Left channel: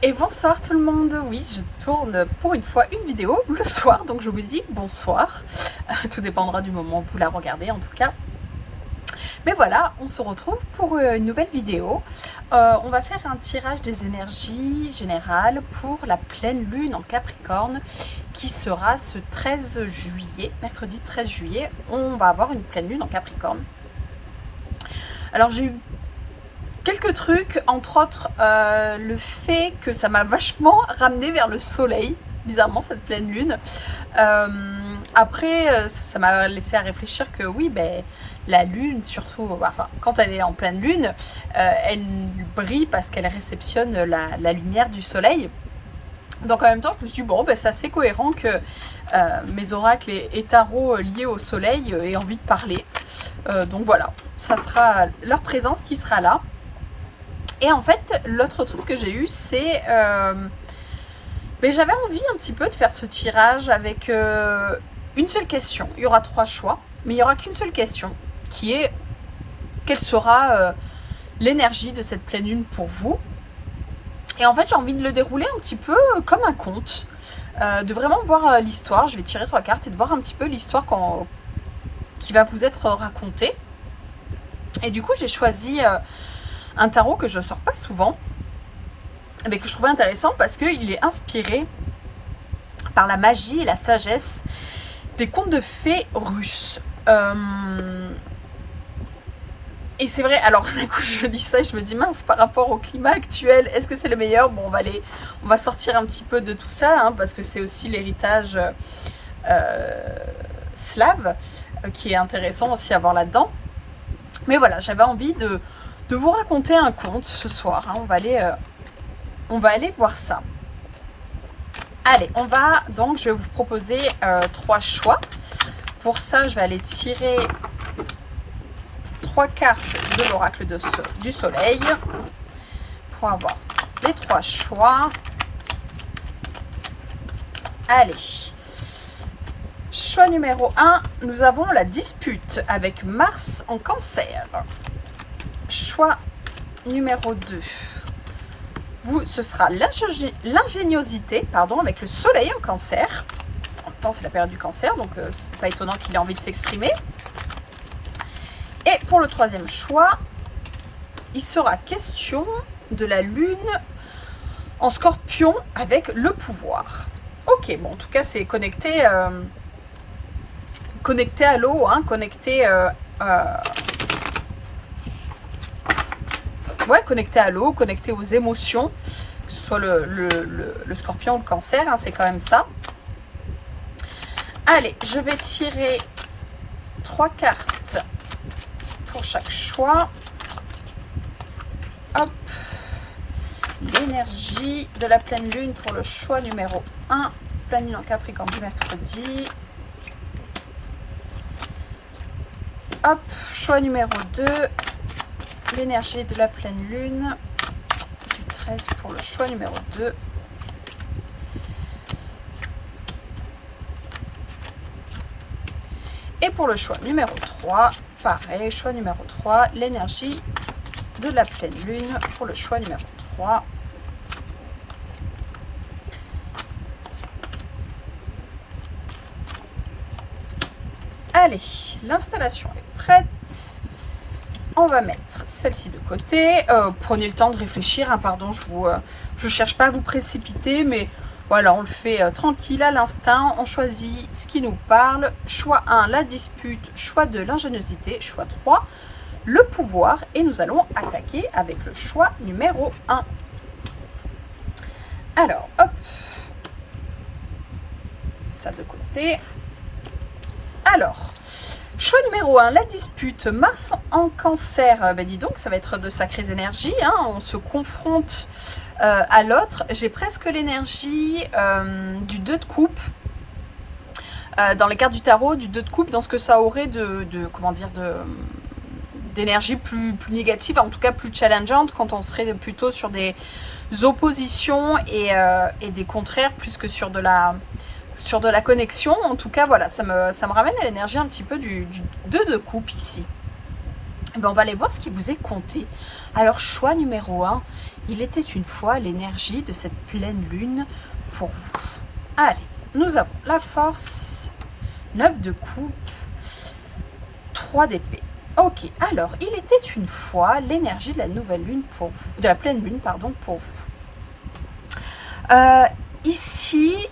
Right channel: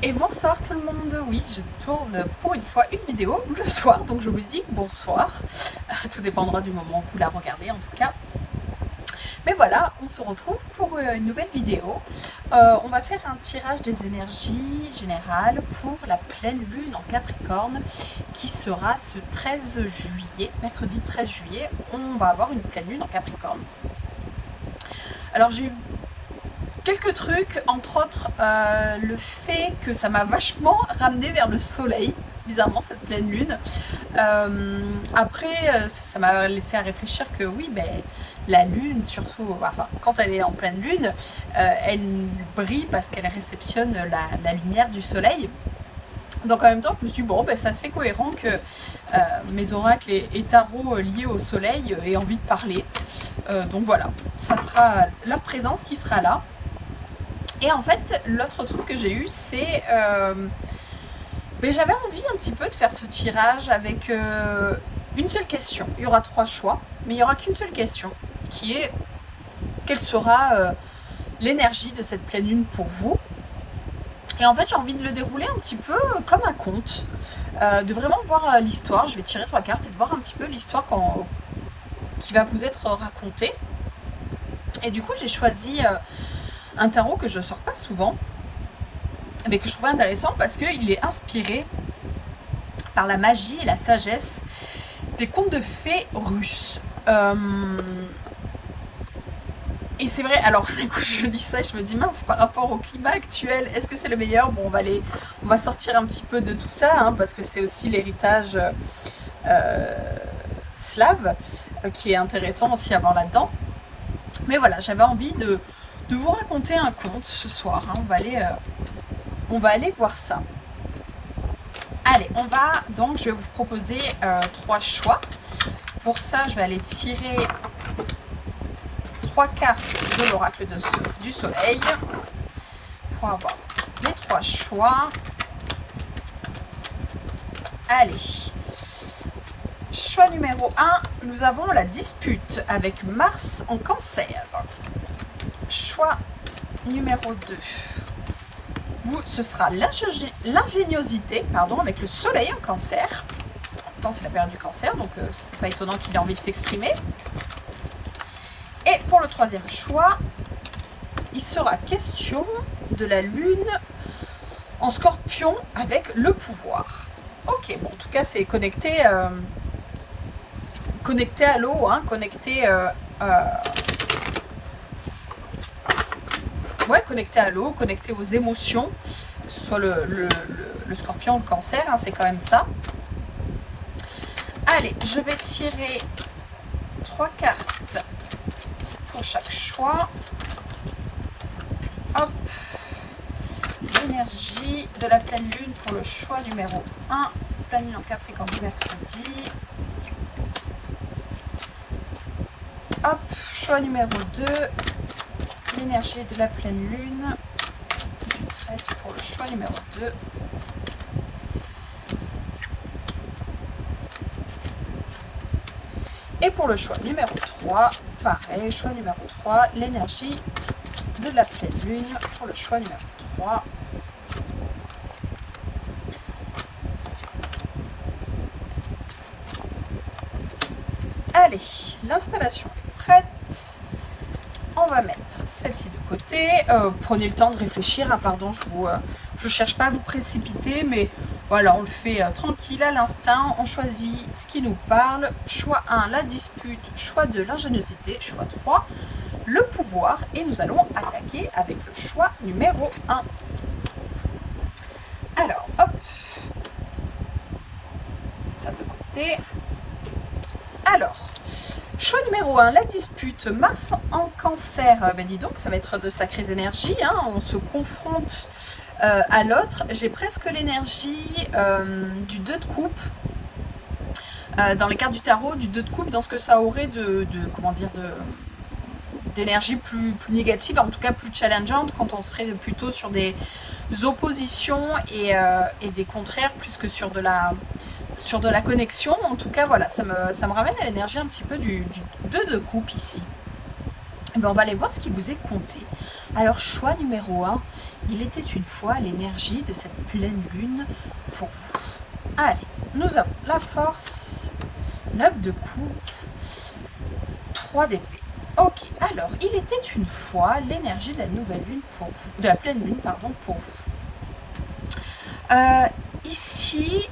Et bonsoir tout le monde, oui je tourne pour une fois une vidéo le soir, donc je vous dis bonsoir, tout dépendra du moment où vous la regardez en tout cas. Mais voilà, on se retrouve pour une nouvelle vidéo. On va faire un tirage des énergies générales pour la pleine lune en Capricorne qui sera ce 13 juillet, mercredi 13 juillet, on va avoir une pleine lune en Capricorne. Alors j'ai eu quelques trucs, entre autres le fait que ça m'a vachement ramené vers le soleil, bizarrement cette pleine lune. Après, ça m'a laissé à réfléchir que oui, ben, la lune, surtout, enfin, quand elle est en pleine lune, elle brille parce qu'elle réceptionne la lumière du soleil. Donc en même temps, je me suis dit, bon, ben, c'est assez cohérent que mes oracles et tarots liés au soleil aient envie de parler. Donc voilà, ça sera leur présence qui sera là. Et en fait, l'autre truc que j'ai eu, c'est... mais j'avais envie un petit peu de faire ce tirage avec une seule question. Il y aura 3 choix, mais il n'y aura qu'une seule question, qui est quelle sera l'énergie de cette pleine lune pour vous. Et en fait, j'ai envie de le dérouler un petit peu comme un conte, de vraiment voir l'histoire. Je vais tirer 3 cartes et de voir un petit peu l'histoire qui va vous être racontée. Et du coup, j'ai choisi un tarot que je ne sors pas souvent, mais que je trouvais intéressant parce qu'il est inspiré par la magie et la sagesse des contes de fées russes. Et c'est vrai, alors d'un coup je lis ça et je me dis mince, par rapport au climat actuel, est-ce que c'est le meilleur? Bon, on va sortir un petit peu de tout ça, hein, parce que c'est aussi l'héritage slave qui est intéressant aussi à voir là-dedans. Mais voilà, j'avais envie de vous raconter un conte ce soir, hein. On va aller voir ça. Allez, je vais vous proposer 3 choix. Pour ça, je vais aller tirer 3 cartes de l'oracle du soleil pour avoir les 3 choix. Allez, choix numéro 1, nous avons la dispute avec Mars en Cancer. Choix numéro 2, ce sera l'ingéniosité, avec le soleil en Cancer. En même temps, c'est la période du Cancer, donc c'est pas étonnant qu'il ait envie de s'exprimer. Et pour le 3e choix, il sera question de la lune en Scorpion avec le pouvoir. Ok, bon, en tout cas, c'est connecté à l'eau, hein, connecté à l'eau, connecté aux émotions, que ce soit le Scorpion ou le Cancer, hein, c'est quand même ça. Allez, je vais tirer 3 cartes pour chaque choix. Hop, l'énergie de la pleine lune pour le choix numéro 1, pleine lune en Capricorne du mercredi. Hop, choix numéro 2, l'énergie de la pleine lune du 13 pour le choix numéro 2. Et pour le choix numéro 3, pareil, choix numéro 3, l'énergie de la pleine lune pour le choix numéro 3. Allez, l'installation est prête. On va mettre celle-ci de côté. Prenez le temps de réfléchir, hein, pardon, je cherche pas à vous précipiter, mais voilà, on le fait tranquille à l'instinct. On choisit ce qui nous parle. Choix 1, la dispute. Choix 2, l'ingéniosité. Choix 3, le pouvoir. Et nous allons attaquer avec le choix numéro 1. Alors, hop. Ça de côté. Alors, choix numéro 1, la dispute. Mars en Cancer. Ben dis donc, ça va être de sacrées énergies, hein. On se confronte à l'autre. J'ai presque l'énergie du 2 de coupe. Dans les cartes du tarot, du 2 de coupe, dans ce que ça aurait d'énergie plus négative, en tout cas plus challengeante, quand on serait plutôt sur des oppositions et des contraires, plus que sur de la connexion. En tout cas, voilà, ça me ramène à l'énergie un petit peu du 2 de coupe ici. Et bien, on va aller voir ce qui vous est compté. Alors, choix numéro 1, Il était une fois l'énergie de cette pleine lune pour vous. Allez, nous avons la force, 9 de coupe, 3 d'épée. Ok, alors, il était une fois l'énergie de la nouvelle lune pour vous, de la pleine lune, pardon, pour vous. Ici,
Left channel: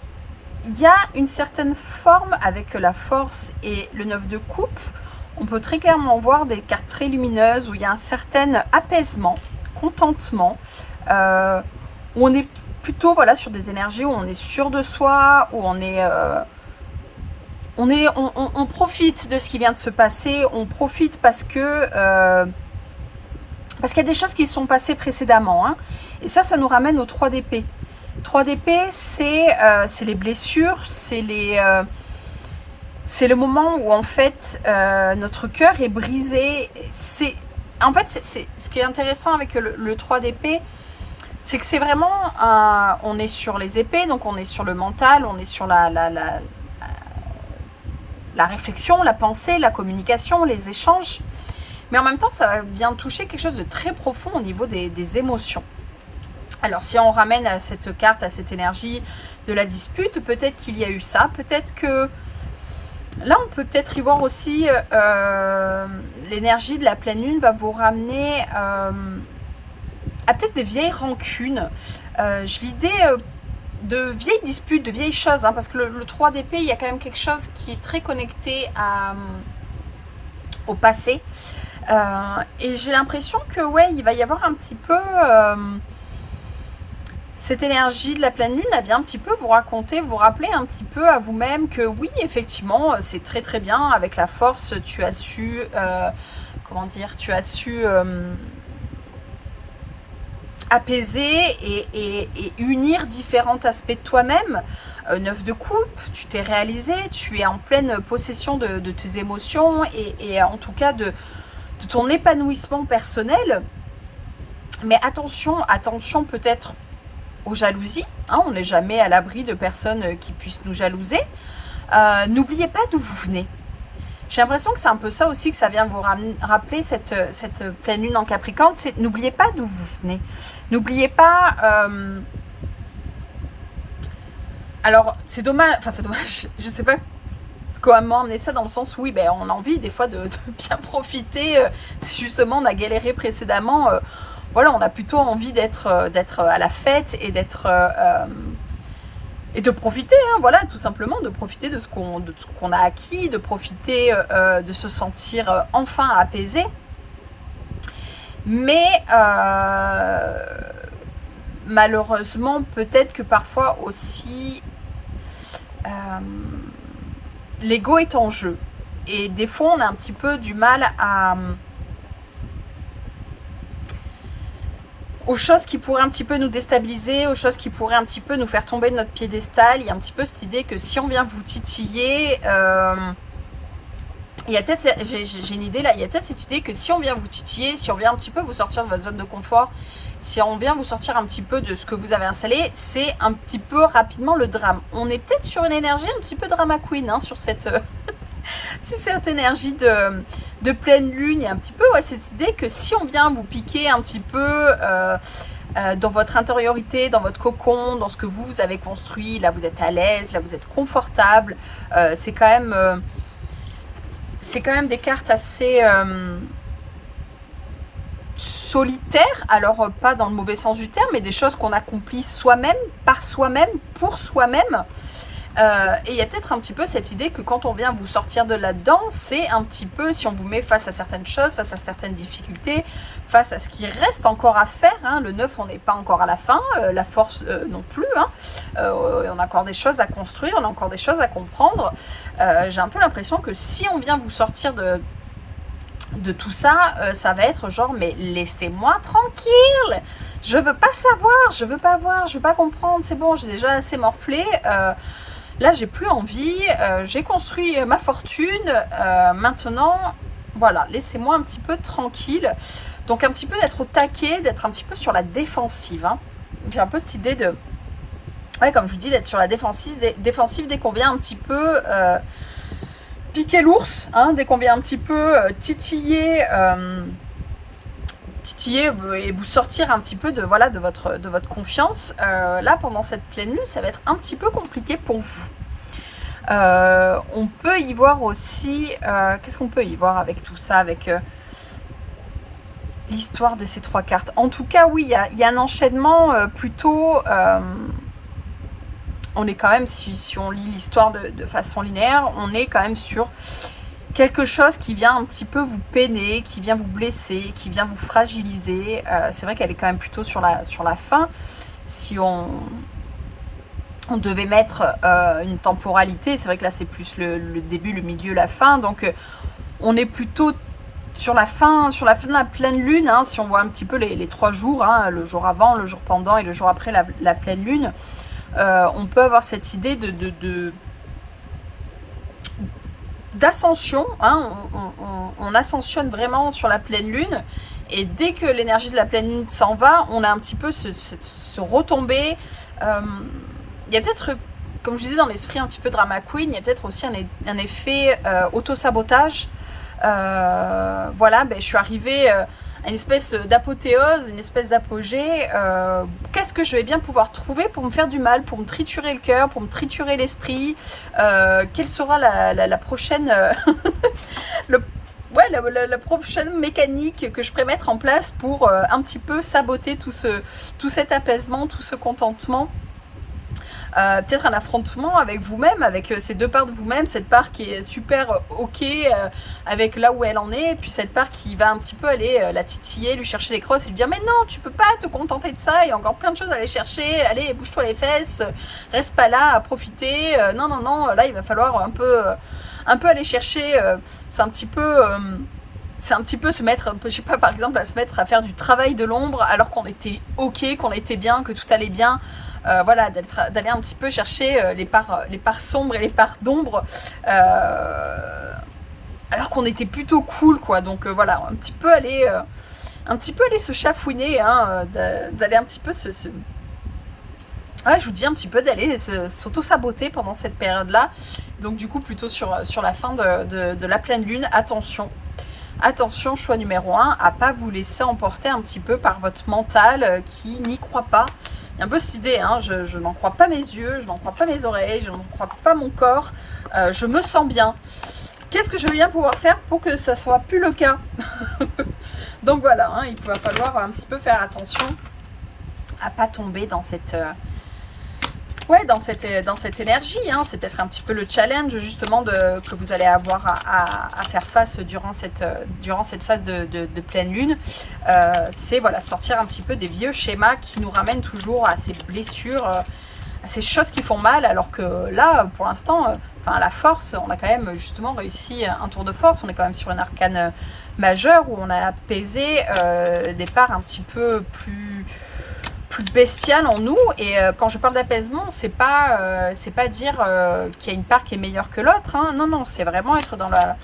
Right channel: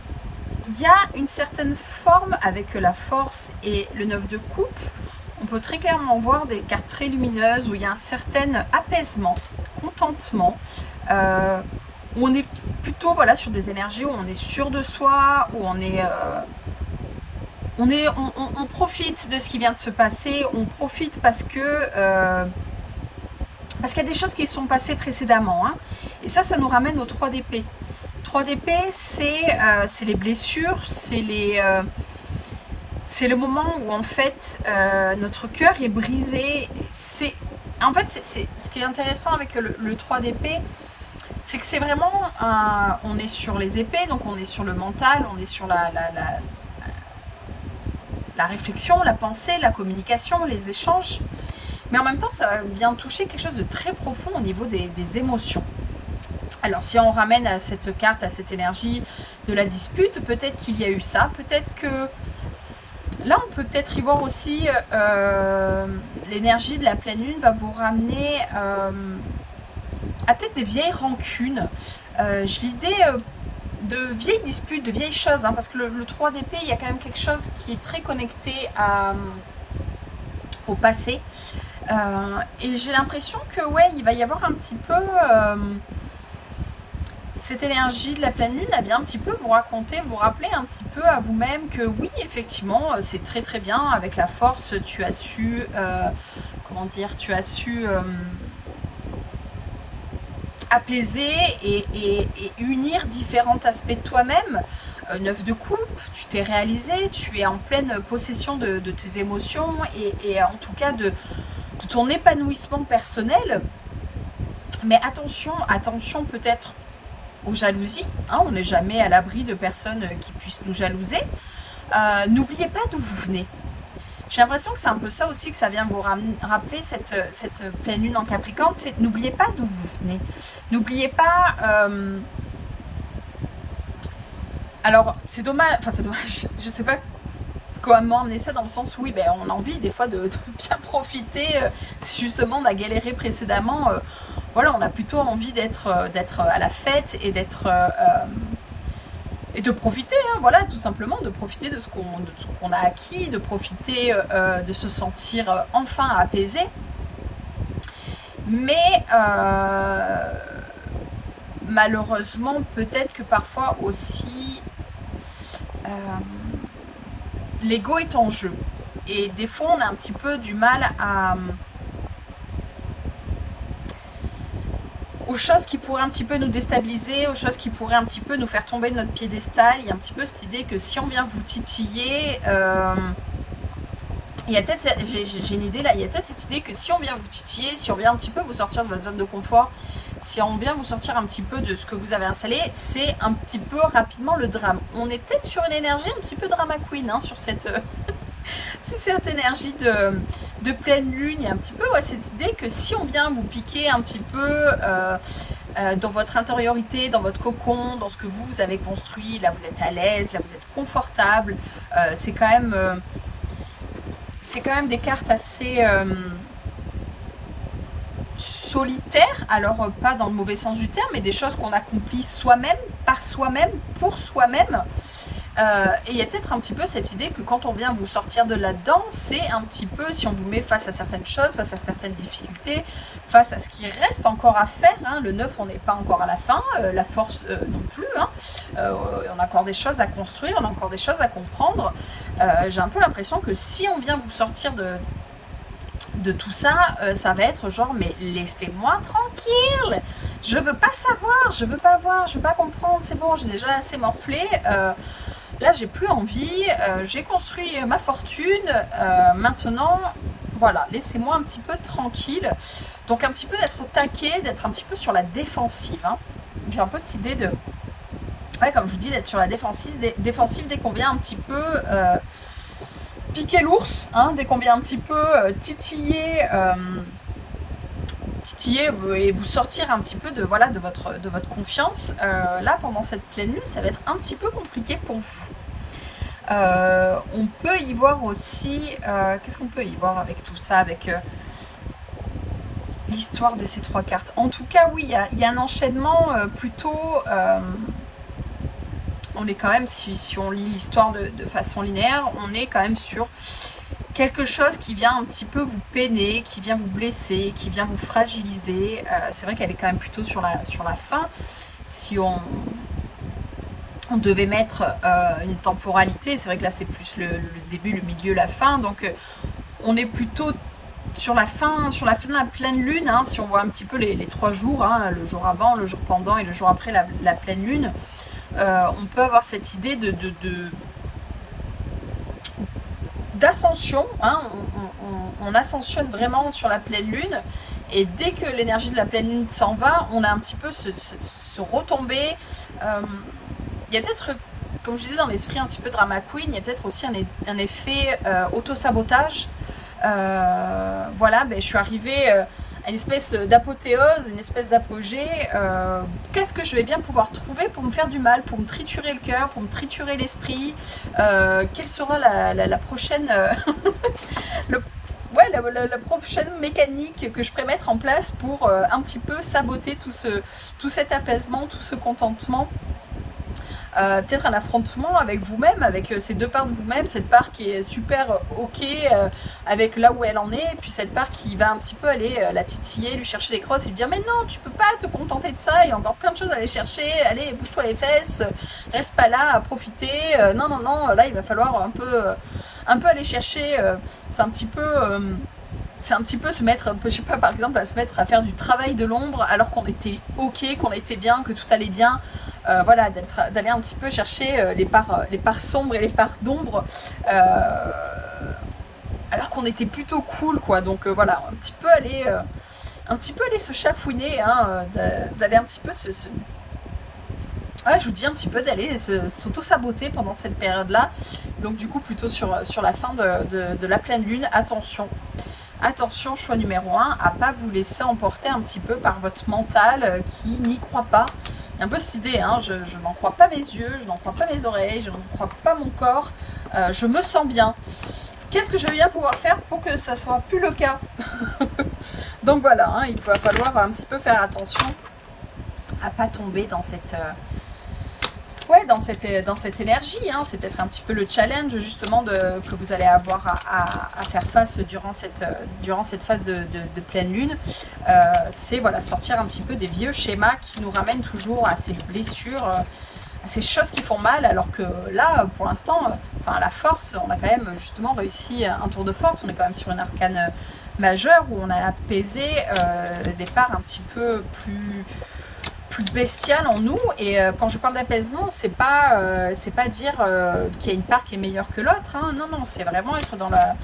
il y a une certaine forme avec la force et le 9 de coupe. On peut très clairement voir des cartes très lumineuses où il y a un certain apaisement, contentement, où on est plutôt voilà, sur des énergies où on est sûr de soi, où on profite de ce qui vient de se passer, on profite parce qu'il y a des choses qui se sont passées précédemment. Hein. Et ça nous ramène au 3 d'épée. 3 d'épée, c'est les blessures, c'est le moment où en fait notre cœur est brisé. En fait, ce qui est intéressant avec le 3 d'épée, c'est que c'est vraiment on est sur les épées, donc on est sur le mental, on est sur la réflexion, la pensée, la communication, les échanges. Mais en même temps, ça vient toucher quelque chose de très profond au niveau des émotions. Alors, si on ramène à cette carte, à cette énergie de la dispute, peut-être qu'il y a eu ça, peut-être que là, on peut peut-être y voir aussi l'énergie de la pleine lune va vous ramener à peut-être des vieilles rancunes. L'idée de vieilles disputes, de vieilles choses, hein, parce que le 3 d'épée, il y a quand même quelque chose qui est très connecté au passé. Et j'ai l'impression que, ouais, il va y avoir un petit peu... cette énergie de la pleine lune, elle vient un petit peu vous raconter, vous rappeler un petit peu à vous-même que oui, effectivement, c'est très très bien. Avec la force, tu as su, apaiser et unir différents aspects de toi-même. 9 de coupe, tu t'es réalisé, tu es en pleine possession de tes émotions et en tout cas de ton épanouissement personnel. Mais attention peut-être aux jalousies, hein, on n'est jamais à l'abri de personnes qui puissent nous jalouser. N'oubliez pas d'où vous venez. J'ai l'impression que c'est un peu ça aussi que ça vient vous rappeler cette pleine lune en Capricorne, c'est n'oubliez pas d'où vous venez. N'oubliez pas... Alors, c'est dommage, je sais pas comment emmener ça dans le sens où oui, ben, on a envie des fois de bien profiter, si justement on a galéré précédemment... voilà, on a plutôt envie d'être à la fête et et de profiter, hein, voilà, tout simplement, de profiter de ce qu'on a acquis, de profiter de se sentir enfin apaisé. Mais malheureusement, peut-être que parfois aussi, l'ego est en jeu. Et des fois, on a un petit peu du mal aux choses qui pourraient un petit peu nous déstabiliser, aux choses qui pourraient un petit peu nous faire tomber de notre piédestal. Il y a un petit peu cette idée que si on vient vous titiller, il y a peut-être, j'ai une idée là, il y a peut-être cette idée que si on vient vous titiller, si on vient un petit peu vous sortir de votre zone de confort, si on vient vous sortir un petit peu de ce que vous avez installé, c'est un petit peu rapidement le drame. On est peut-être sur une énergie un petit peu drama queen, hein, sur cette énergie de pleine lune. Il y a un petit peu cette idée que si on vient vous piquer un petit peu dans votre intériorité, dans votre cocon, dans ce que vous avez construit, là vous êtes à l'aise, là vous êtes confortable, c'est quand même des cartes assez solitaires, alors pas dans le mauvais sens du terme, mais des choses qu'on accomplit soi-même, par soi-même, pour soi-même. Et il y a peut-être un petit peu cette idée que quand on vient vous sortir de là-dedans, c'est un petit peu, si on vous met face à certaines choses, face à certaines difficultés, face à ce qui reste encore à faire, hein, le 9 on n'est pas encore à la fin, la force non plus, hein, on a encore des choses à construire, on a encore des choses à comprendre. J'ai un peu l'impression que si on vient vous sortir de tout ça, ça va être genre mais laissez-moi tranquille, je veux pas savoir, je veux pas voir, je veux pas comprendre, c'est bon, j'ai déjà assez morflé. Là, j'ai plus envie, j'ai construit ma fortune, maintenant, voilà, laissez-moi un petit peu tranquille. Donc, un petit peu d'être au taquet, d'être un petit peu sur la défensive. Hein. J'ai un peu cette idée de, ouais, comme je vous dis, d'être sur la défensive dès qu'on vient un petit peu piquer l'ours, hein, dès qu'on vient un petit peu titiller titiller et vous sortir un petit peu de, voilà, de votre confiance. Là, pendant cette pleine lune, ça va être un petit peu compliqué pour vous. On peut y voir aussi, qu'est-ce qu'on peut y voir avec tout ça, avec l'histoire de ces 3 cartes. En tout cas, oui, il y a un enchaînement plutôt... on est quand même, si on lit l'histoire de façon linéaire, on est quand même sur quelque chose qui vient un petit peu vous peiner, qui vient vous blesser, qui vient vous fragiliser. C'est vrai qu'elle est quand même plutôt sur la fin. Si on devait mettre une temporalité, c'est vrai que là c'est plus le début, le milieu, la fin. Donc on est plutôt sur la fin de la pleine lune, hein, si on voit un petit peu les 3 jours, hein, le jour avant, le jour pendant et le jour après la pleine lune. On peut avoir cette idée d'ascension, hein, on ascensionne vraiment sur la pleine lune, et dès que l'énergie de la pleine lune s'en va, on a un petit peu ce retombé. Il y a peut-être, comme je disais dans l'esprit un petit peu drama queen, il y a peut-être aussi un effet auto-sabotage. Voilà, je suis arrivée à une espèce d'apothéose, une espèce d'apogée. Qu'est-ce que je vais bien pouvoir trouver pour me faire du mal, pour me triturer le cœur, pour me triturer l'esprit? Quelle sera la prochaine la prochaine mécanique que je pourrais mettre en place pour un petit peu saboter tout cet apaisement, tout ce contentement? Peut-être un affrontement avec vous-même, avec ces 2 parts de vous-même, cette part qui est super ok avec là où elle en est, et puis cette part qui va un petit peu aller la titiller, lui chercher les crosses et lui dire mais non, tu peux pas te contenter de ça, il y a encore plein de choses à aller chercher, allez, bouge-toi les fesses, reste pas là à profiter, non, là il va falloir un peu aller chercher, c'est un petit peu se mettre, je sais pas, par exemple, à se mettre à faire du travail de l'ombre alors qu'on était ok, qu'on était bien, que tout allait bien. Voilà, d'aller un petit peu chercher les parts sombres et les parts d'ombre, alors qu'on était plutôt cool, quoi. Donc voilà, un petit peu aller se chafouiner, hein, d'aller un petit peu ouais, je vous dis un petit peu d'aller s'auto-saboter pendant cette période-là. Donc du coup, plutôt sur la fin de la pleine lune, attention. Attention, choix numéro 1, à pas vous laisser emporter un petit peu par votre mental qui n'y croit pas. Il y a un peu cette idée, hein, je n'en crois pas mes yeux, je n'en crois pas mes oreilles, je n'en crois pas mon corps, je me sens bien. Qu'est-ce que je vais bien pouvoir faire pour que ça soit plus le cas? Donc voilà, hein, il va falloir un petit peu faire attention à pas tomber dans cette... dans cette énergie, hein. C'est peut-être un petit peu le challenge justement que vous allez avoir à faire face durant cette phase de pleine lune. C'est voilà, sortir un petit peu des vieux schémas qui nous ramènent toujours à ces blessures, à ces choses qui font mal, alors que là, pour l'instant, à la force, on a quand même justement réussi un tour de force. On est quand même sur une arcane majeure où on a apaisé des parts un petit peu plus bestiale en nous. Et quand je parle d'apaisement, c'est pas dire qu'il y a une part qui est meilleure que l'autre, hein. Non, c'est vraiment être dans la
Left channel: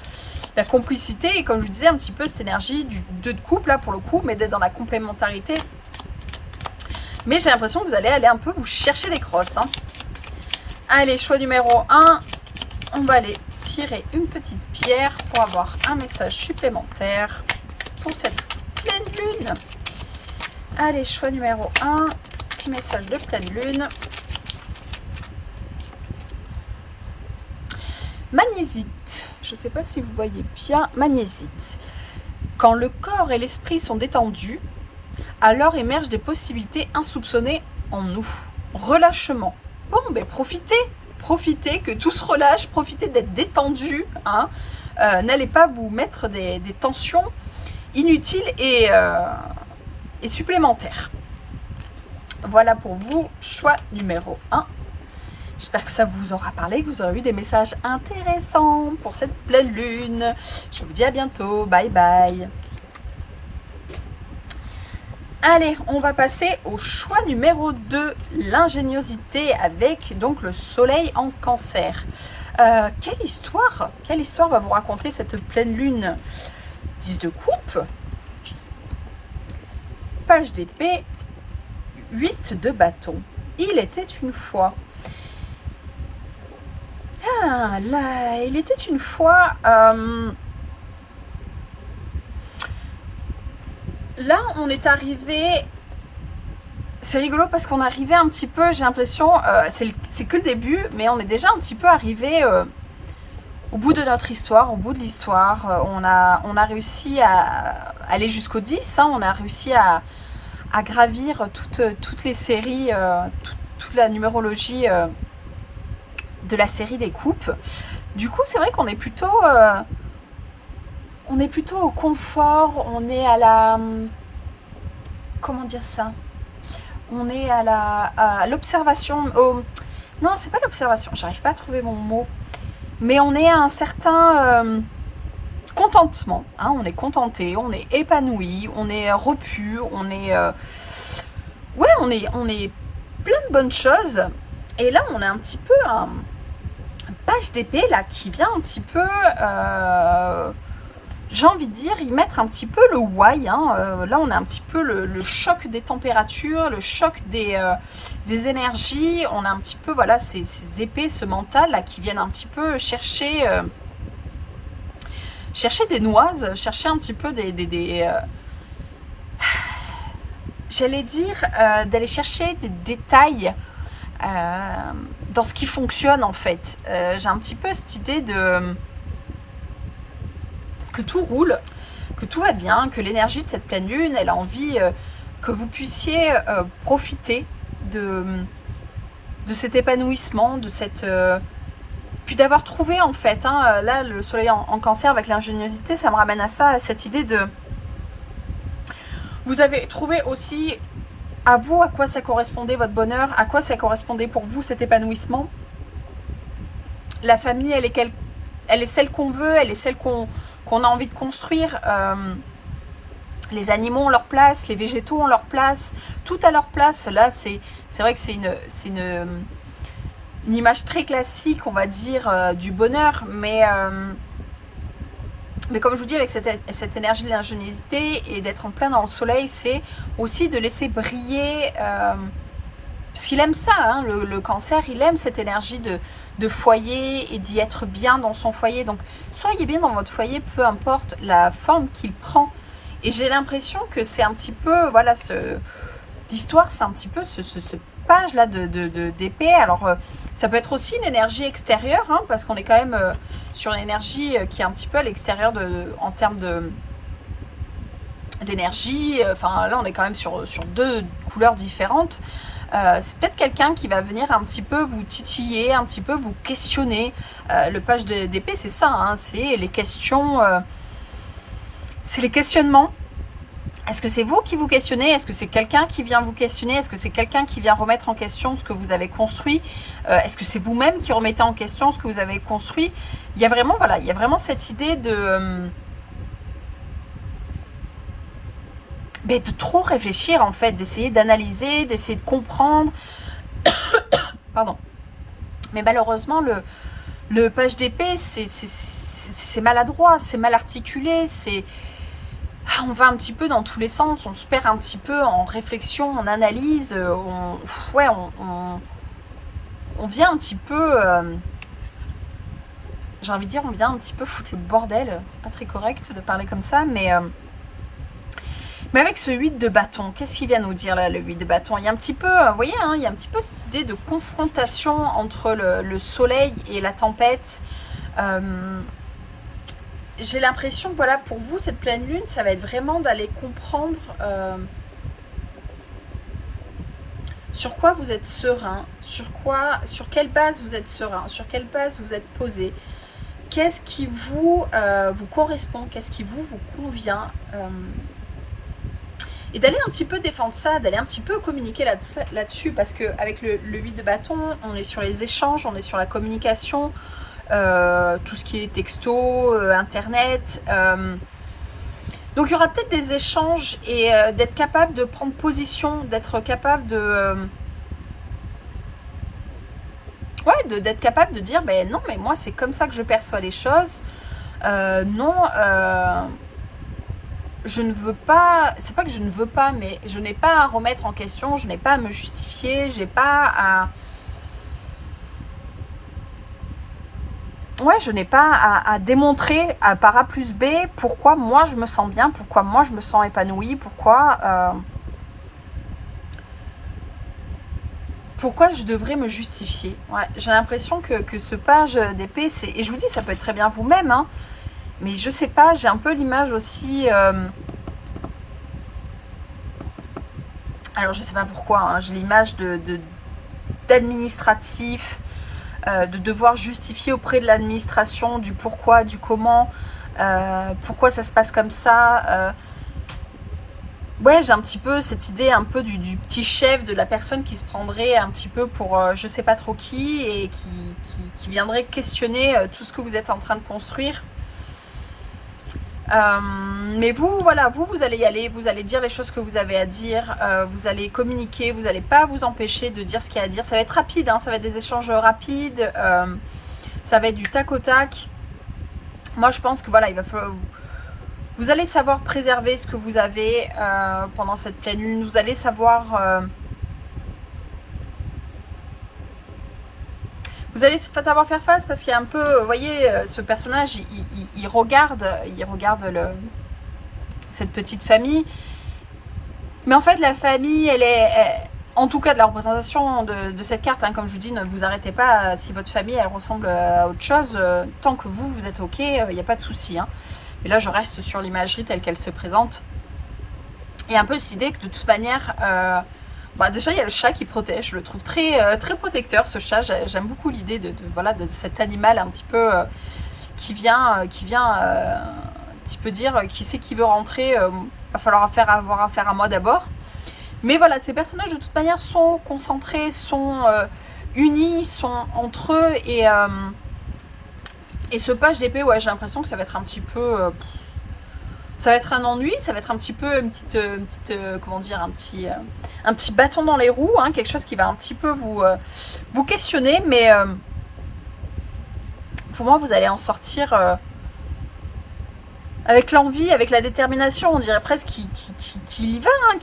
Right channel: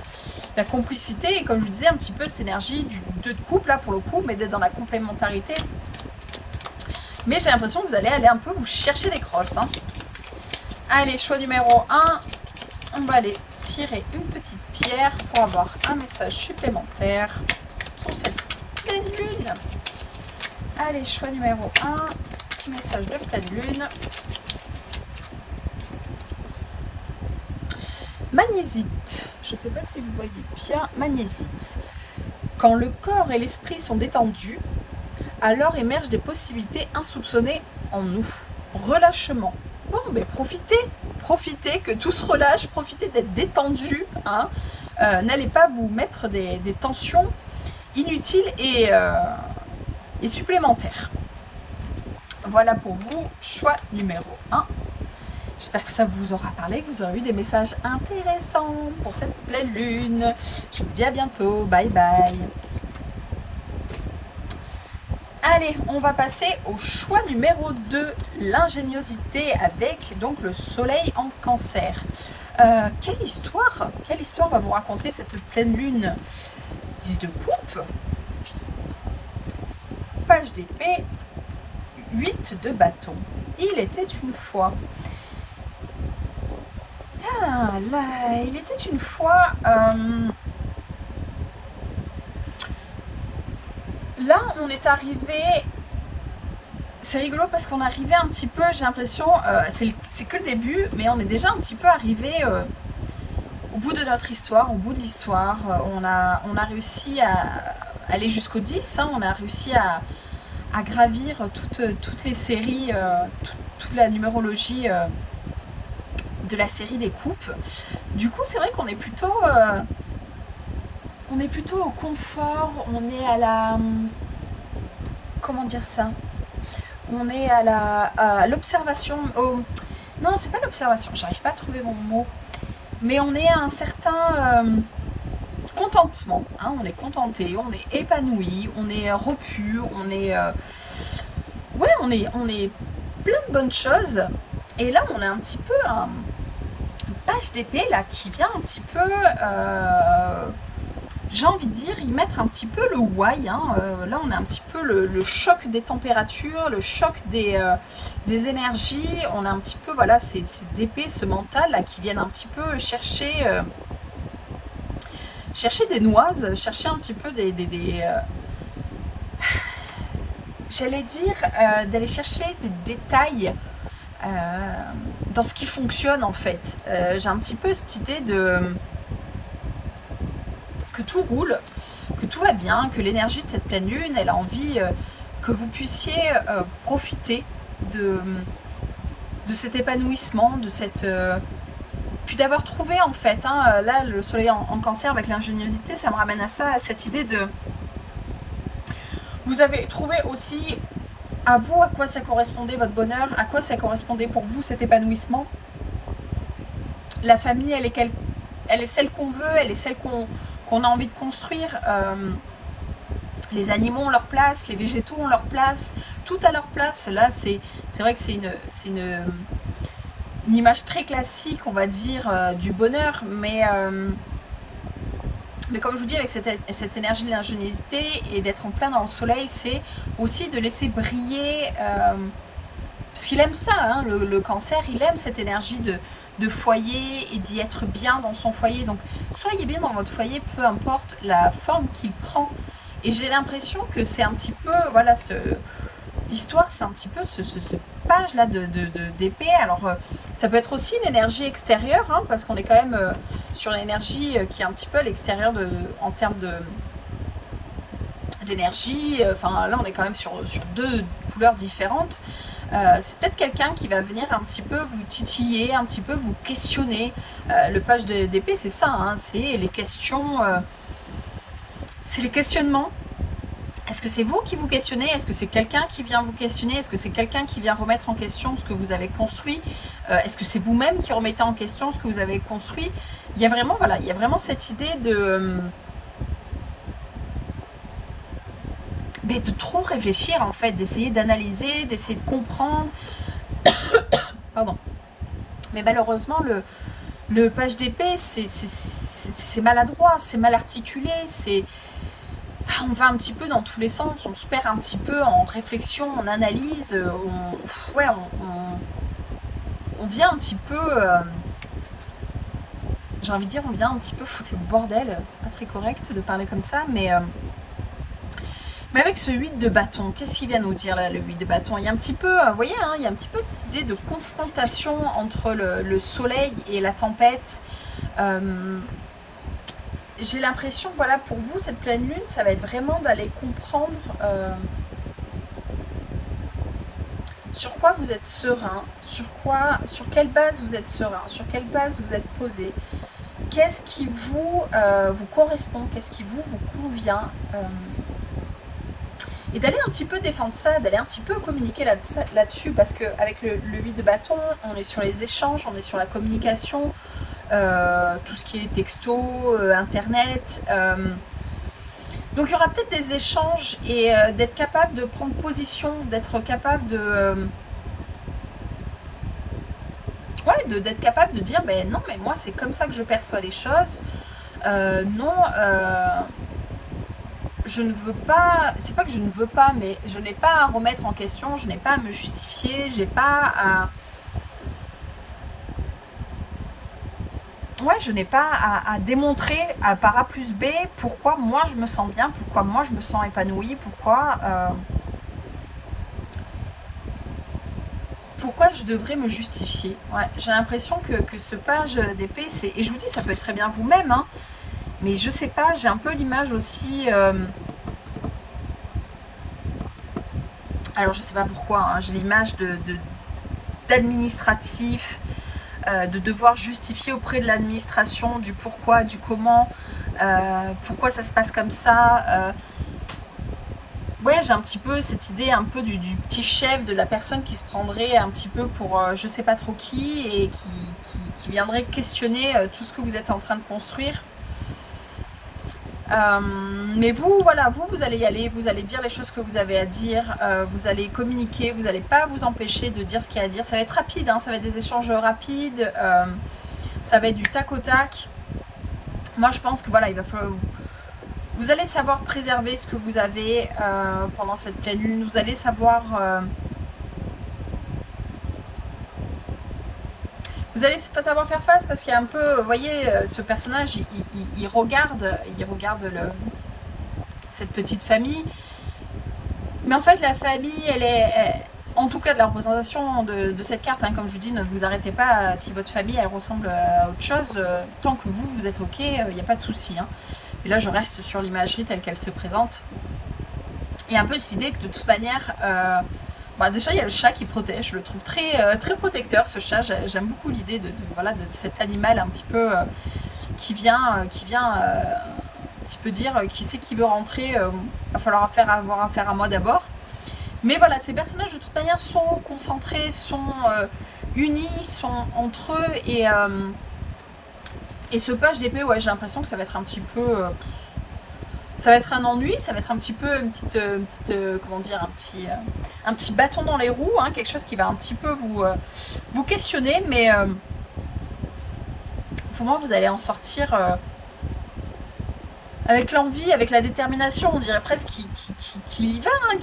complicité, et comme je vous disais, un petit peu cette énergie du 2 de couple là pour le coup, mais d'être dans la complémentarité. Mais j'ai l'impression que vous allez aller un peu vous chercher des crosses, hein. Allez, choix numéro 1, on va aller tirer une petite pierre pour avoir un message supplémentaire pour cette pleine lune. Allez, choix numéro 1, petit message de pleine lune. Magnésite, je ne sais pas si vous voyez bien, magnésite. Quand le corps et l'esprit sont détendus, alors émergent des possibilités insoupçonnées en nous. Relâchement. Bon, profitez que tout se relâche, profitez d'être détendu, hein. N'allez pas vous mettre des tensions inutiles et supplémentaires. Voilà pour vous, choix numéro 1. J'espère que ça vous aura parlé, que vous aurez eu des messages intéressants pour cette pleine lune. Je vous dis à bientôt, bye bye. Allez, on va passer au choix numéro 2, l'ingéniosité, avec donc le soleil en cancer. Quelle histoire va vous raconter cette pleine lune? 10 de coupe, page d'épée, 8 de bâton. Il était une fois. Ah là, il était une fois... là, on est arrivé... C'est rigolo parce qu'on est arrivé un petit peu, j'ai l'impression, c'est que le début, mais on est déjà un petit peu arrivé au bout de notre histoire, au bout de l'histoire. On a réussi à aller jusqu'au 10, hein, on a réussi à gravir toutes les séries, toute la numérologie de la série des coupes. Du coup, c'est vrai qu'on est plutôt au confort, on est à la... Comment dire ça? On est à l'observation. Non, c'est pas l'observation, j'arrive pas à trouver mon mot. Mais on est à un certain contentement. Hein, on est contenté, on est épanoui, on est repu, on est... ouais, on est plein de bonnes choses. Et là, on a un petit peu un page d'épée là qui vient un petit peu... j'ai envie de dire, y mettre un petit peu le why. Hein. Là, on a un petit peu le choc des températures, le choc des énergies. On a un petit peu, voilà, ces épées, ce mental là qui viennent un petit peu chercher des noises, chercher un petit peu j'allais dire, d'aller chercher des détails dans ce qui fonctionne en fait. J'ai un petit peu cette idée de... que tout roule, que tout va bien, que l'énergie de cette pleine lune, elle a envie que vous puissiez profiter de cet épanouissement, de cette... puis d'avoir trouvé en fait, hein, là le soleil en cancer avec l'ingéniosité, ça me ramène à ça, à cette idée de... Vous avez trouvé aussi à vous à quoi ça correspondait votre bonheur, à quoi ça correspondait pour vous cet épanouissement. La famille, elle est celle qu'on veut, elle est celle qu'on a envie de construire. Les animaux ont leur place, les végétaux ont leur place, tout a leur place. Là, c'est vrai que c'est une image très classique, on va dire, du bonheur, mais comme je vous dis, avec cette énergie de l'ingéniosité et d'être en plein dans le soleil, c'est aussi de laisser briller, parce qu'il aime ça, hein, le cancer, il aime cette énergie de foyer et d'y être bien dans son foyer. Donc, soyez bien dans votre foyer, peu importe la forme qu'il prend. Et j'ai l'impression que c'est un petit peu, voilà, l'histoire, c'est un petit peu ce page-là d'épée. Alors, ça peut être aussi une énergie extérieure, hein, parce qu'on est quand même sur une énergie qui est un petit peu à l'extérieur en termes d'énergie. Enfin, là, on est quand même sur deux couleurs différentes. C'est peut-être quelqu'un qui va venir un petit peu vous titiller, un petit peu vous questionner. Le page d'épée, c'est ça, hein, c'est les questions, c'est les questionnements. Est-ce que c'est vous qui vous questionnez? Est-ce que c'est quelqu'un qui vient vous questionner? Est-ce que c'est quelqu'un qui vient remettre en question ce que vous avez construit? Est-ce que c'est vous-même qui remettez en question ce que vous avez construit? Il y a vraiment, voilà, il y a vraiment cette idée de trop réfléchir en fait, d'essayer d'analyser, d'essayer de comprendre. Pardon. Mais malheureusement, le page d'épée, c'est maladroit, c'est mal articulé, on va un petit peu dans tous les sens, on se perd un petit peu en réflexion, en analyse, on vient un petit peu, j'ai envie de dire, on vient un petit peu foutre le bordel. C'est pas très correct de parler comme ça, mais avec ce 8 de bâton, qu'est-ce qu'il vient nous dire là, le 8 de bâton? Il y a un petit peu, vous voyez, hein, il y a un petit peu cette idée de confrontation entre le soleil et la tempête. J'ai l'impression que voilà, pour vous, cette pleine lune, ça va être vraiment d'aller comprendre sur quoi vous êtes serein, sur quelle base vous êtes serein, sur quelle base vous êtes posé, qu'est-ce qui vous correspond, qu'est-ce qui vous convient, et d'aller un petit peu défendre ça, d'aller un petit peu communiquer là-dessus, parce qu'avec le 8 de bâton, on est sur les échanges, on est sur la communication, tout ce qui est texto, internet. Donc il y aura peut-être des échanges et d'être capable de prendre position, d'être capable d'être capable de dire ben non, mais moi c'est comme ça que je perçois les choses. Non, je ne veux pas, c'est pas que je ne veux pas, mais je n'ai pas à remettre en question, je n'ai pas à me justifier, j'ai pas à... ouais, je n'ai pas à démontrer par A plus B pourquoi moi je me sens bien, pourquoi moi je me sens épanouie, pourquoi je devrais me justifier. Ouais, j'ai l'impression que ce page d'épée, c'est... Et je vous dis, ça peut être très bien vous-même, hein, mais je sais pas, j'ai un peu l'image aussi... alors je sais pas pourquoi, hein, j'ai l'image d'administratif, de devoir justifier auprès de l'administration du pourquoi, du comment, pourquoi ça se passe comme ça. Ouais, j'ai un petit peu cette idée un peu du petit chef, de la personne qui se prendrait un petit peu pour je sais pas trop qui et qui viendrait questionner tout ce que vous êtes en train de construire. Mais vous, voilà, vous allez y aller, vous allez dire les choses que vous avez à dire, vous allez communiquer, vous n'allez pas vous empêcher de dire ce qu'il y a à dire. Ça va être rapide, hein, ça va être des échanges rapides, ça va être du tac au tac. Moi, je pense que voilà, il va falloir... Vous allez savoir préserver ce que vous avez pendant cette pleine lune. Vous allez savoir... vous allez savoir faire face parce qu'il y a un peu... Vous voyez, ce personnage, il regarde cette petite famille. Mais en fait, la famille, elle est... en tout cas, de la représentation de cette carte, hein, comme je vous dis, ne vous arrêtez pas. Si votre famille, elle ressemble à autre chose, tant que vous êtes OK, il n'y a pas de souci. Hein. Et là, je reste sur l'imagerie telle qu'elle se présente. Il y a un peu cette idée que de toute manière, déjà il y a le chat qui protège. Je le trouve très, très protecteur, ce chat. J'aime beaucoup l'idée de cet animal un petit peu qui vient un petit peu dire qui c'est qui veut rentrer. Va falloir avoir affaire à moi d'abord. Mais voilà, ces personnages de toute manière sont concentrés, sont unis, sont entre eux et ce page d'épée, ouais, j'ai l'impression que ça va être un petit peu... ça va être un ennui, ça va être un petit peu une petite comment dire, un petit bâton dans les roues, hein, quelque chose qui va un petit peu vous questionner, mais pour moi, vous allez en sortir avec l'envie, avec la détermination, on dirait presque qu'il y va, hein,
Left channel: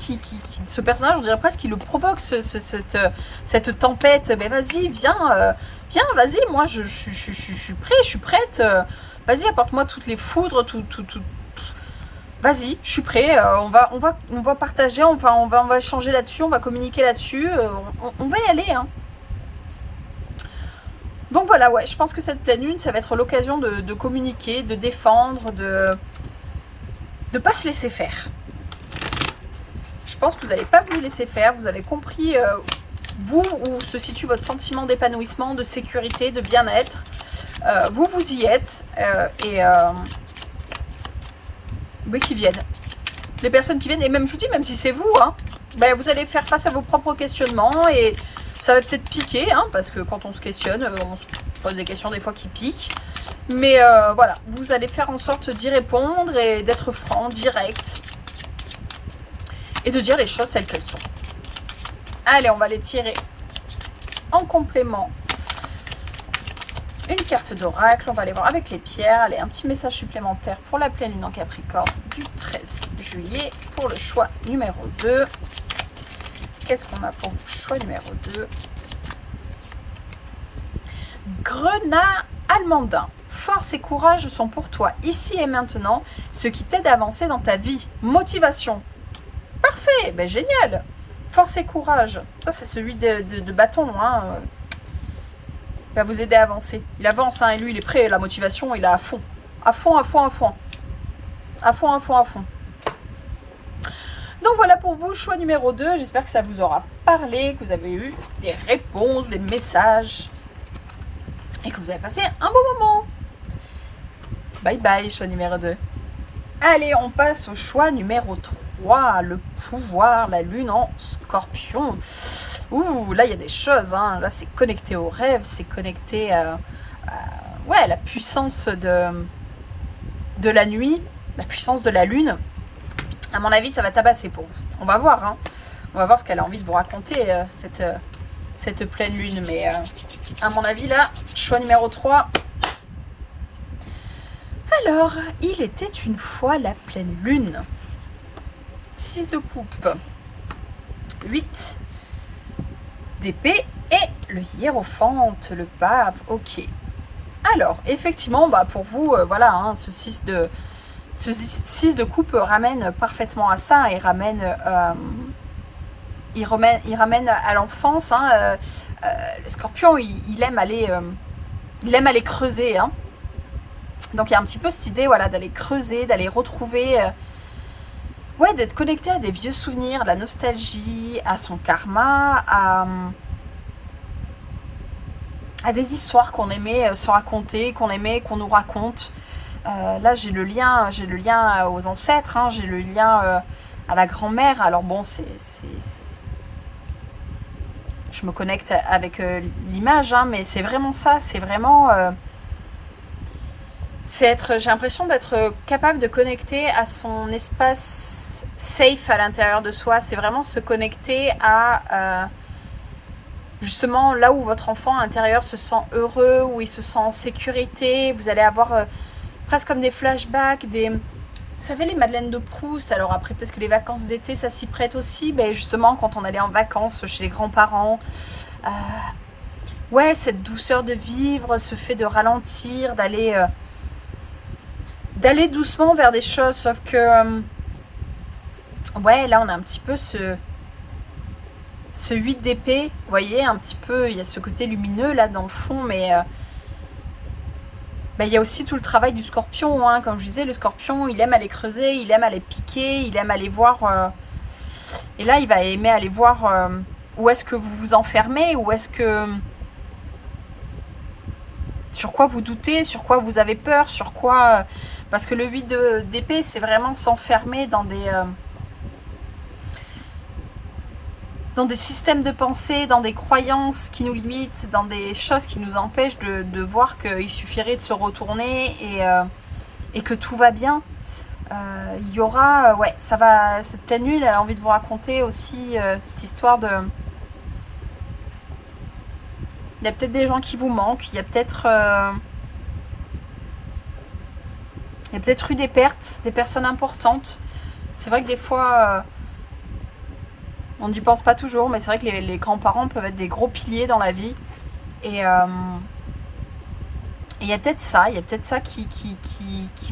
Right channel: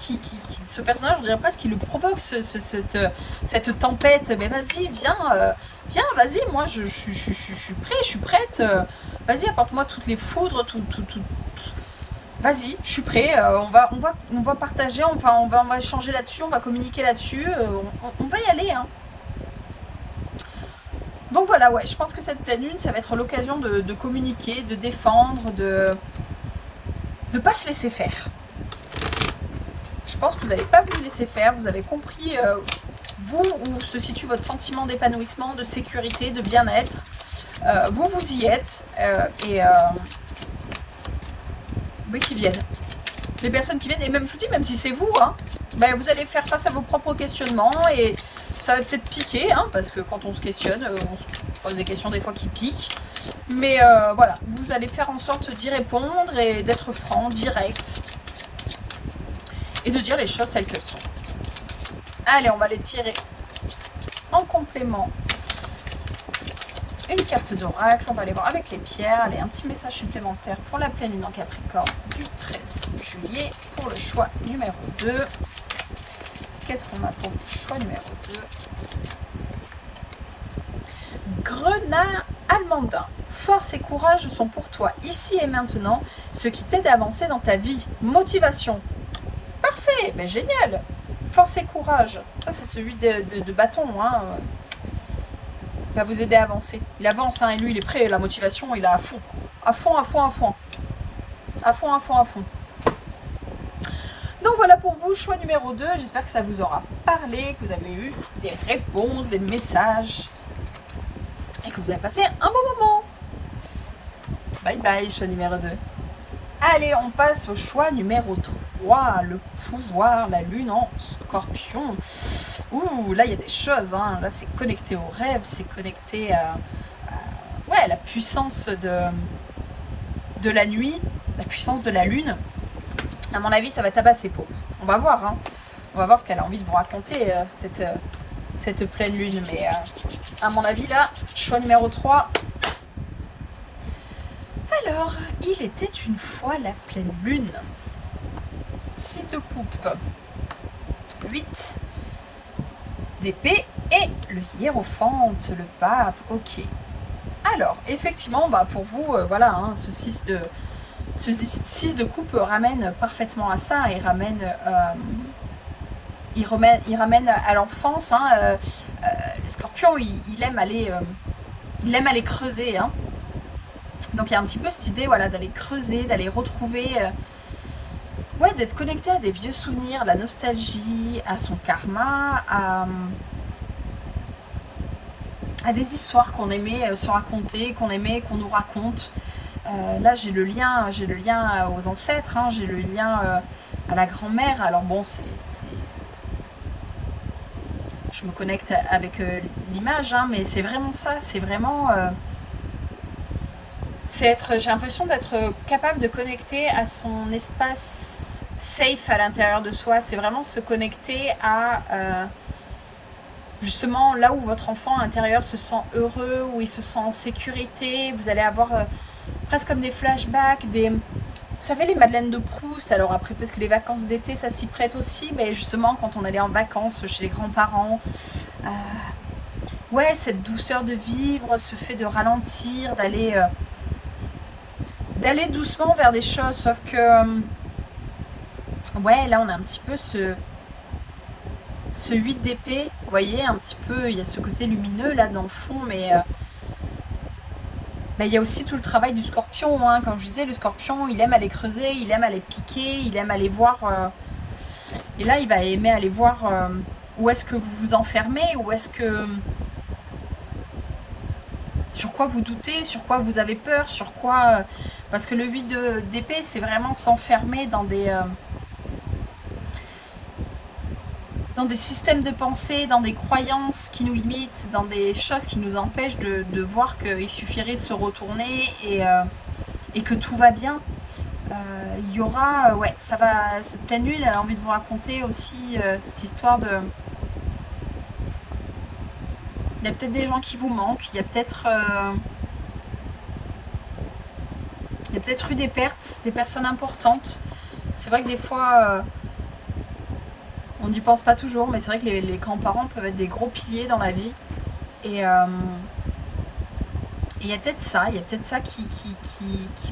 ce personnage, on dirait presque qu'il le provoque, cette tempête. Mais vas-y, viens, vas-y, moi je suis prêt, je suis prête. Vas-y, apporte-moi toutes les foudres, tout. Vas-y, je suis prêt. On va partager, on va échanger là-dessus, on va communiquer là-dessus. On va y aller. Hein. Donc voilà, ouais, je pense que cette pleine lune, ça va être l'occasion de communiquer, de défendre, de pas se laisser faire. Je pense que vous n'avez pas voulu laisser faire, vous avez compris vous où se situe votre sentiment d'épanouissement, de sécurité, de bien-être. Vous y êtes mais qui viennent. Les personnes qui viennent, et même je vous dis, même si c'est vous, hein, vous allez faire face à vos propres questionnements et ça va peut-être piquer, hein, parce que quand on se questionne, on se pose des questions des fois qui piquent. Mais voilà, vous allez faire en sorte d'y répondre et d'être franc, direct. Et de dire les choses telles qu'elles sont. Allez, on va les tirer en complément. Une carte d'oracle, on va aller voir avec les pierres. Allez, un petit message supplémentaire pour la pleine lune en Capricorne du 13 juillet pour le choix numéro 2. Qu'est-ce qu'on a pour vous? Choix numéro 2. Grenat almandin. Force et courage sont pour toi, ici et maintenant, ce qui t'aide à avancer dans ta vie. Motivation. Parfait, génial. Force et courage. Ça, c'est celui de bâton. Hein. Il va vous aider à avancer. Il avance, hein, et lui, il est prêt. La motivation, il est à fond. À fond, à fond, à fond. À fond, à fond, à fond. Donc voilà pour vous, choix numéro 2. J'espère que ça vous aura parlé, que vous avez eu des réponses, des messages. Et que vous avez passé un bon moment. Bye bye, choix numéro 2. Allez, on passe au choix numéro 3. Le pouvoir, la lune en scorpion. Ouh, là, il y a des choses. Hein. Là, c'est connecté au rêve. C'est connecté à la puissance de la nuit. La puissance de la lune. À mon avis, ça va tabasser pour vous. On va voir. Hein. On va voir ce qu'elle a envie de vous raconter, cette pleine lune. Mais à mon avis, là, choix numéro 3. Alors, il était une fois la pleine lune. 6 de coupe. 8 d'épée et le hiérophante, le pape. Ok. Alors, effectivement, bah, pour vous, voilà, hein, ce 6 de coupe ramène parfaitement à ça et il ramène à l'enfance. Hein, le scorpion, il aime aller creuser. Hein. Donc il y a un petit peu cette idée, voilà, d'aller creuser, d'aller retrouver, ouais, d'être connecté à des vieux souvenirs, à la nostalgie, à son karma, à des histoires qu'on aimait se raconter, qu'on aimait qu'on nous raconte. Là, j'ai le lien aux ancêtres, hein, j'ai le lien à la grand-mère. Alors bon, je me connecte avec l'image, hein, mais c'est vraiment ça, c'est vraiment... j'ai l'impression d'être capable de connecter à son espace safe à l'intérieur de soi. C'est vraiment se connecter à justement là où votre enfant intérieur se sent heureux, où il se sent en sécurité. Vous allez avoir presque comme des flashbacks, vous savez, les Madeleines de Proust. Alors après, peut-être que les vacances d'été, ça s'y prête aussi. Ben justement, quand on allait en vacances chez les grands-parents, ouais, cette douceur de vivre, ce fait de ralentir, d'aller doucement vers des choses. Sauf que, ouais, là, on a un petit peu ce 8 d'épée. Vous voyez, un petit peu, il y a ce côté lumineux là dans le fond, mais... il y a aussi tout le travail du scorpion, hein. Comme je disais, le scorpion, il aime aller creuser, il aime aller piquer, il aime aller voir... et là, il va aimer aller voir où est-ce que vous vous enfermez, où est-ce que... sur quoi vous doutez, sur quoi vous avez peur, sur quoi... parce que le 8 d'épée, c'est vraiment s'enfermer dans des systèmes de pensée, dans des croyances qui nous limitent, dans des choses qui nous empêchent de voir qu'il suffirait de se retourner et que tout va bien. Il y aura, ouais, ça va, cette pleine lune, elle a envie de vous raconter aussi cette histoire de... Il y a peut-être des gens qui vous manquent, il y a peut-être eu des pertes, des personnes importantes. C'est vrai que des fois... on n'y pense pas toujours, mais c'est vrai que les grands-parents peuvent être des gros piliers dans la vie. Et il y a peut-être ça qui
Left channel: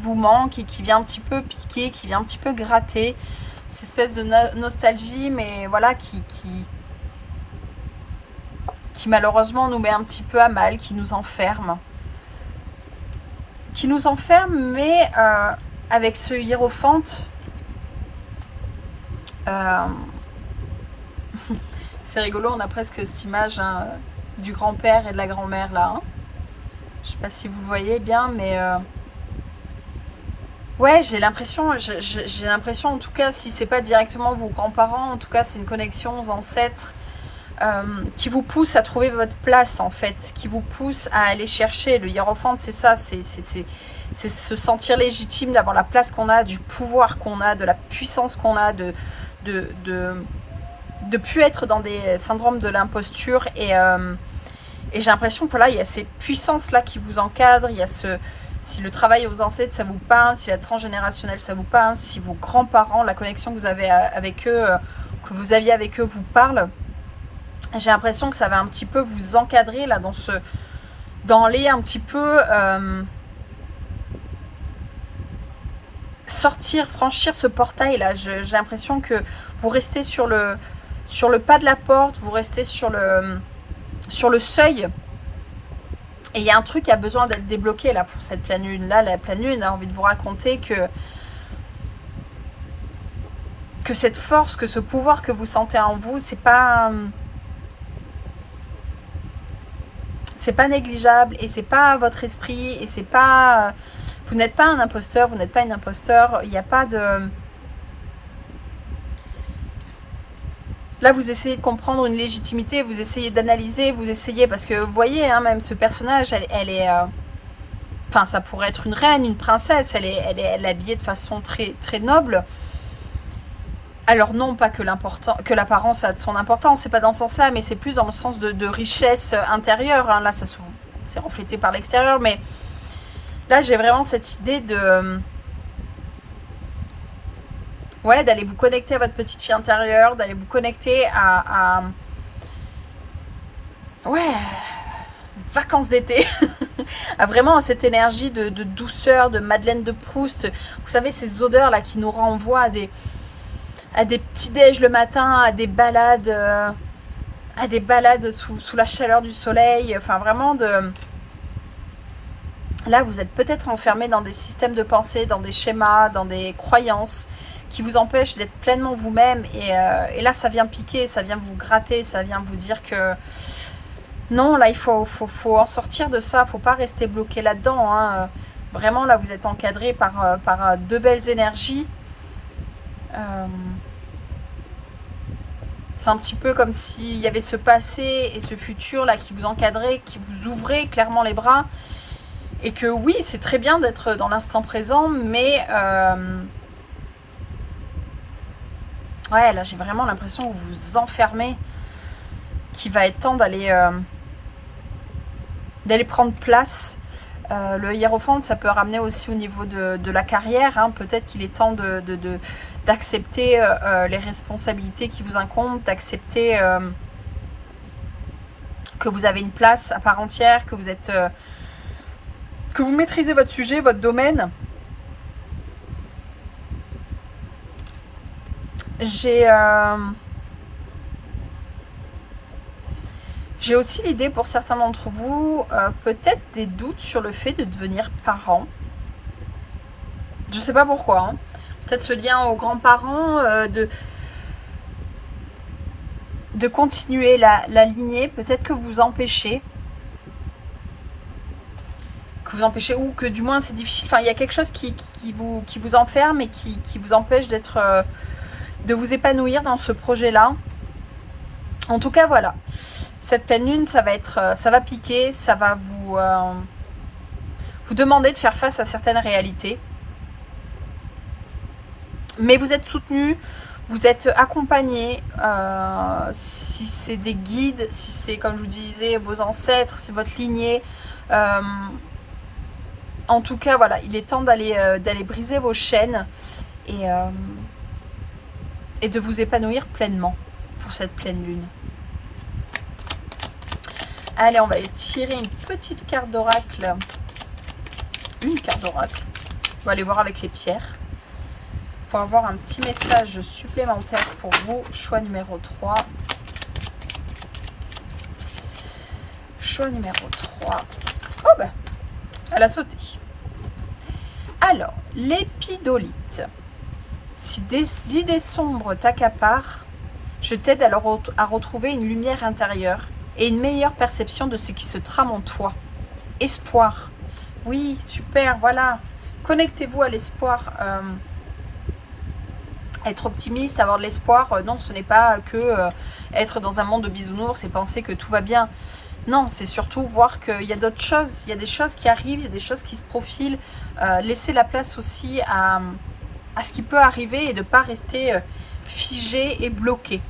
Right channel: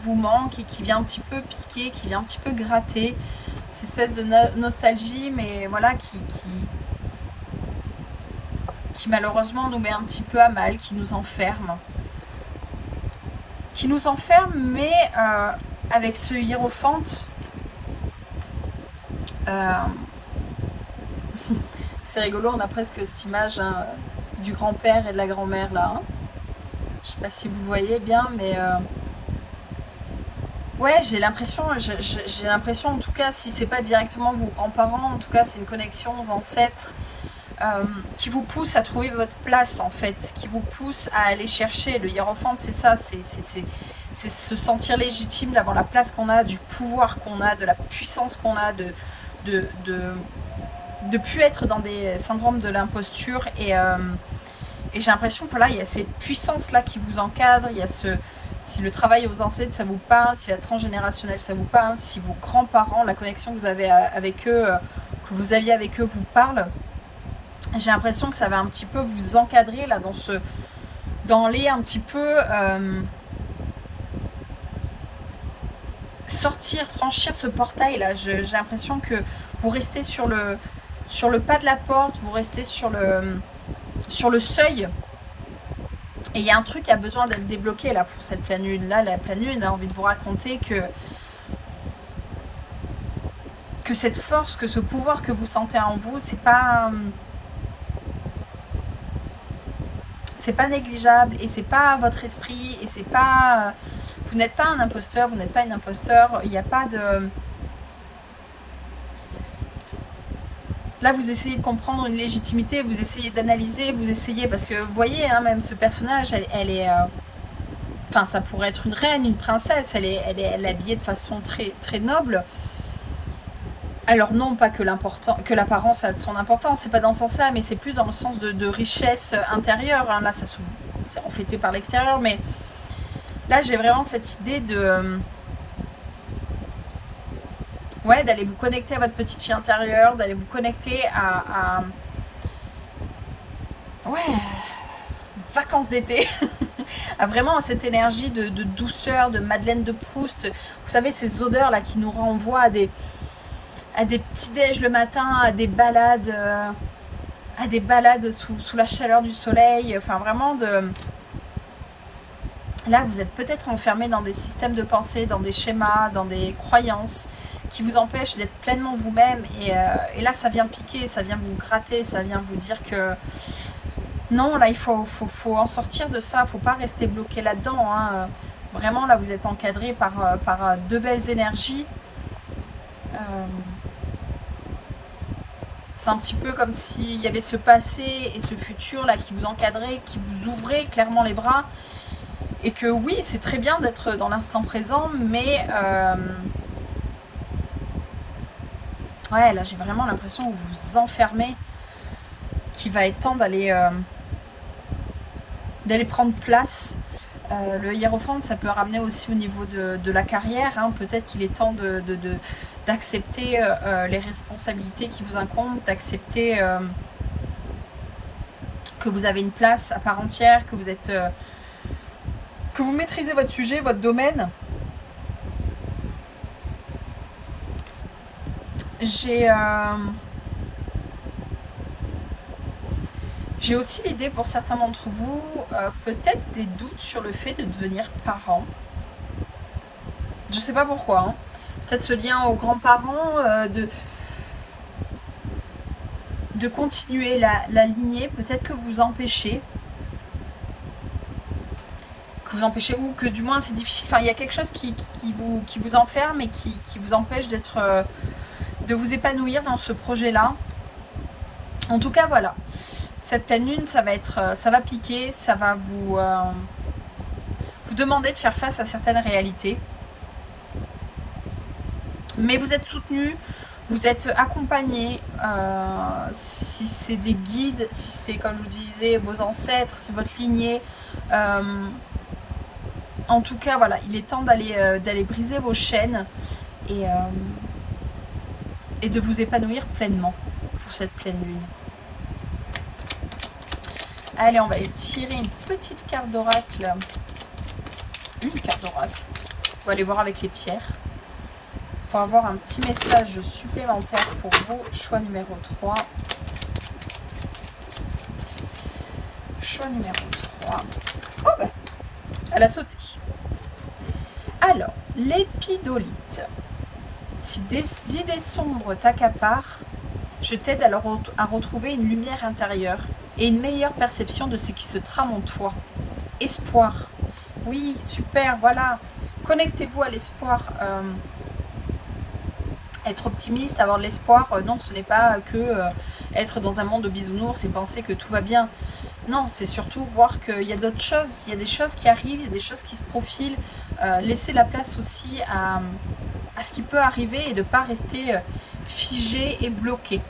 vous manque et qui vient un petit peu piquer, qui vient un petit peu gratter. Cette espèce de nostalgie, mais voilà, qui malheureusement nous met un petit peu à mal, qui nous enferme. Mais avec ce hiérophante... c'est rigolo, on a presque cette image, hein, du grand-père et de la grand-mère là. Hein. Je sais pas si vous le voyez bien, mais ouais, j'ai l'impression en tout cas, si c'est pas directement vos grands-parents, en tout cas c'est une connexion aux ancêtres qui vous pousse à trouver votre place en fait, qui vous pousse à aller chercher. Le hiérophante, c'est ça, c'est se sentir légitime, d'avoir la place qu'on a, du pouvoir qu'on a, de la puissance qu'on a, de plus être dans des syndromes de l'imposture et j'ai l'impression que là, il y a cette puissance-là qui vous encadre, il y a si le travail aux ancêtres, ça vous parle, si la transgénérationnelle, ça vous parle, si vos grands-parents, la connexion que vous avez avec eux, que vous aviez avec eux, vous parle, j'ai l'impression que ça va un petit peu vous encadrer là dans les un petit peu sortir, franchir ce portail là. J'ai l'impression que vous restez sur le pas de la porte, vous restez sur le seuil. Et il y a un truc qui a besoin d'être débloqué là pour cette pleine lune. Là, la pleine lune a envie de vous raconter que cette force, que ce pouvoir que vous sentez en vous, c'est pas négligeable et c'est pas votre esprit et c'est pas... vous n'êtes pas un imposteur, vous n'êtes pas une imposteur, il n'y a pas de... Là, vous essayez de comprendre une légitimité, vous essayez d'analyser, vous essayez... Parce que vous voyez, hein, même ce personnage, elle est... Enfin, ça pourrait être une reine, une princesse, elle est habillée de façon très, très noble. Alors non, pas que l'apparence a de son importance, c'est pas dans ce sens-là, mais c'est plus dans le sens de richesse intérieure. Hein. Là, c'est reflété par l'extérieur, mais là, j'ai vraiment cette idée de... ouais, d'aller vous connecter à votre petite fille intérieure, d'aller vous connecter à... ouais, vacances d'été, vraiment cette énergie de douceur, de Madeleine de Proust. Vous savez, ces odeurs là qui nous renvoient à des petits déj le matin, à des balades sous la chaleur du soleil. Enfin, vraiment de... Là, vous êtes peut-être enfermé dans des systèmes de pensée, dans des schémas, dans des croyances qui vous empêchent d'être pleinement vous-même. Et là, ça vient piquer, ça vient vous gratter, ça vient vous dire que non, là, il faut en sortir de ça. Il ne faut pas rester bloqué là-dedans, hein. Vraiment, là, vous êtes encadré par deux belles énergies. C'est un petit peu comme s'il y avait ce passé et ce futur là qui vous encadraient, qui vous ouvraient clairement les bras. Et que oui, c'est très bien d'être dans l'instant présent, mais ouais, là j'ai vraiment l'impression que vous vous enfermez, qu'il va être temps d'aller prendre place. Le hiérophante, ça peut ramener aussi au niveau de la carrière, hein. Peut-être qu'il est temps d'accepter les responsabilités qui vous incombent, d'accepter que vous avez une place à part entière, que vous êtes... que vous maîtrisez votre sujet, votre domaine. J'ai aussi l'idée pour certains d'entre vous, peut-être des doutes sur le fait de devenir parent. Je ne sais pas pourquoi, hein. Peut-être ce lien aux grands-parents, de continuer la lignée, peut-être que vous empêchez. Ou que du moins c'est difficile, enfin il y a quelque chose qui vous enferme et qui vous empêche de vous épanouir dans ce projet-là. En tout cas, voilà, cette pleine lune, ça va piquer, ça va vous demander de faire face à certaines réalités. Mais vous êtes soutenu, vous êtes accompagné, si c'est des guides, si c'est, comme je vous disais, vos ancêtres, c'est votre lignée. En tout cas, voilà, il est temps d'aller briser vos chaînes et de vous épanouir pleinement pour cette pleine lune. Allez, on va aller tirer une petite carte d'oracle. Une carte d'oracle. On va aller voir avec les pierres. Pour avoir un petit message supplémentaire pour vous. Choix numéro 3. Choix numéro 3. Oh bah, elle a sauté. Alors, l'épidolite. Si des idées sombres t'accaparent, je t'aide à retrouver une lumière intérieure et une meilleure perception de ce qui se trame en toi. Espoir. Oui, super, voilà. Connectez-vous à l'espoir. Être optimiste, avoir de l'espoir, non, ce n'est pas que être dans un monde de bisounours et penser que tout va bien. Non, c'est surtout voir qu'il y a d'autres choses, il y a des choses qui arrivent, il y a des choses qui se profilent. Laisser la place aussi à ce qui peut arriver et de ne pas rester figé et bloqué.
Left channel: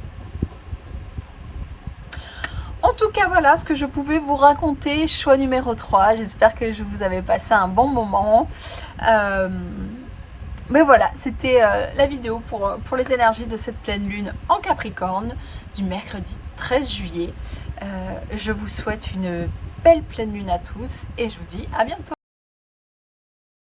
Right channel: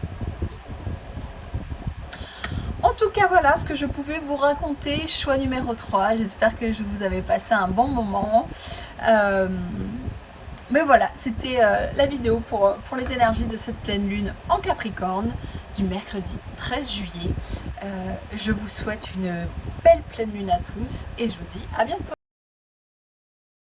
En tout cas, voilà ce que je pouvais vous raconter. Choix numéro 3. J'espère que je vous avais passé un bon moment. Mais voilà, c'était la vidéo pour les énergies de cette pleine lune en Capricorne du mercredi 13 juillet. Je vous souhaite une belle pleine lune à tous et je vous dis à bientôt.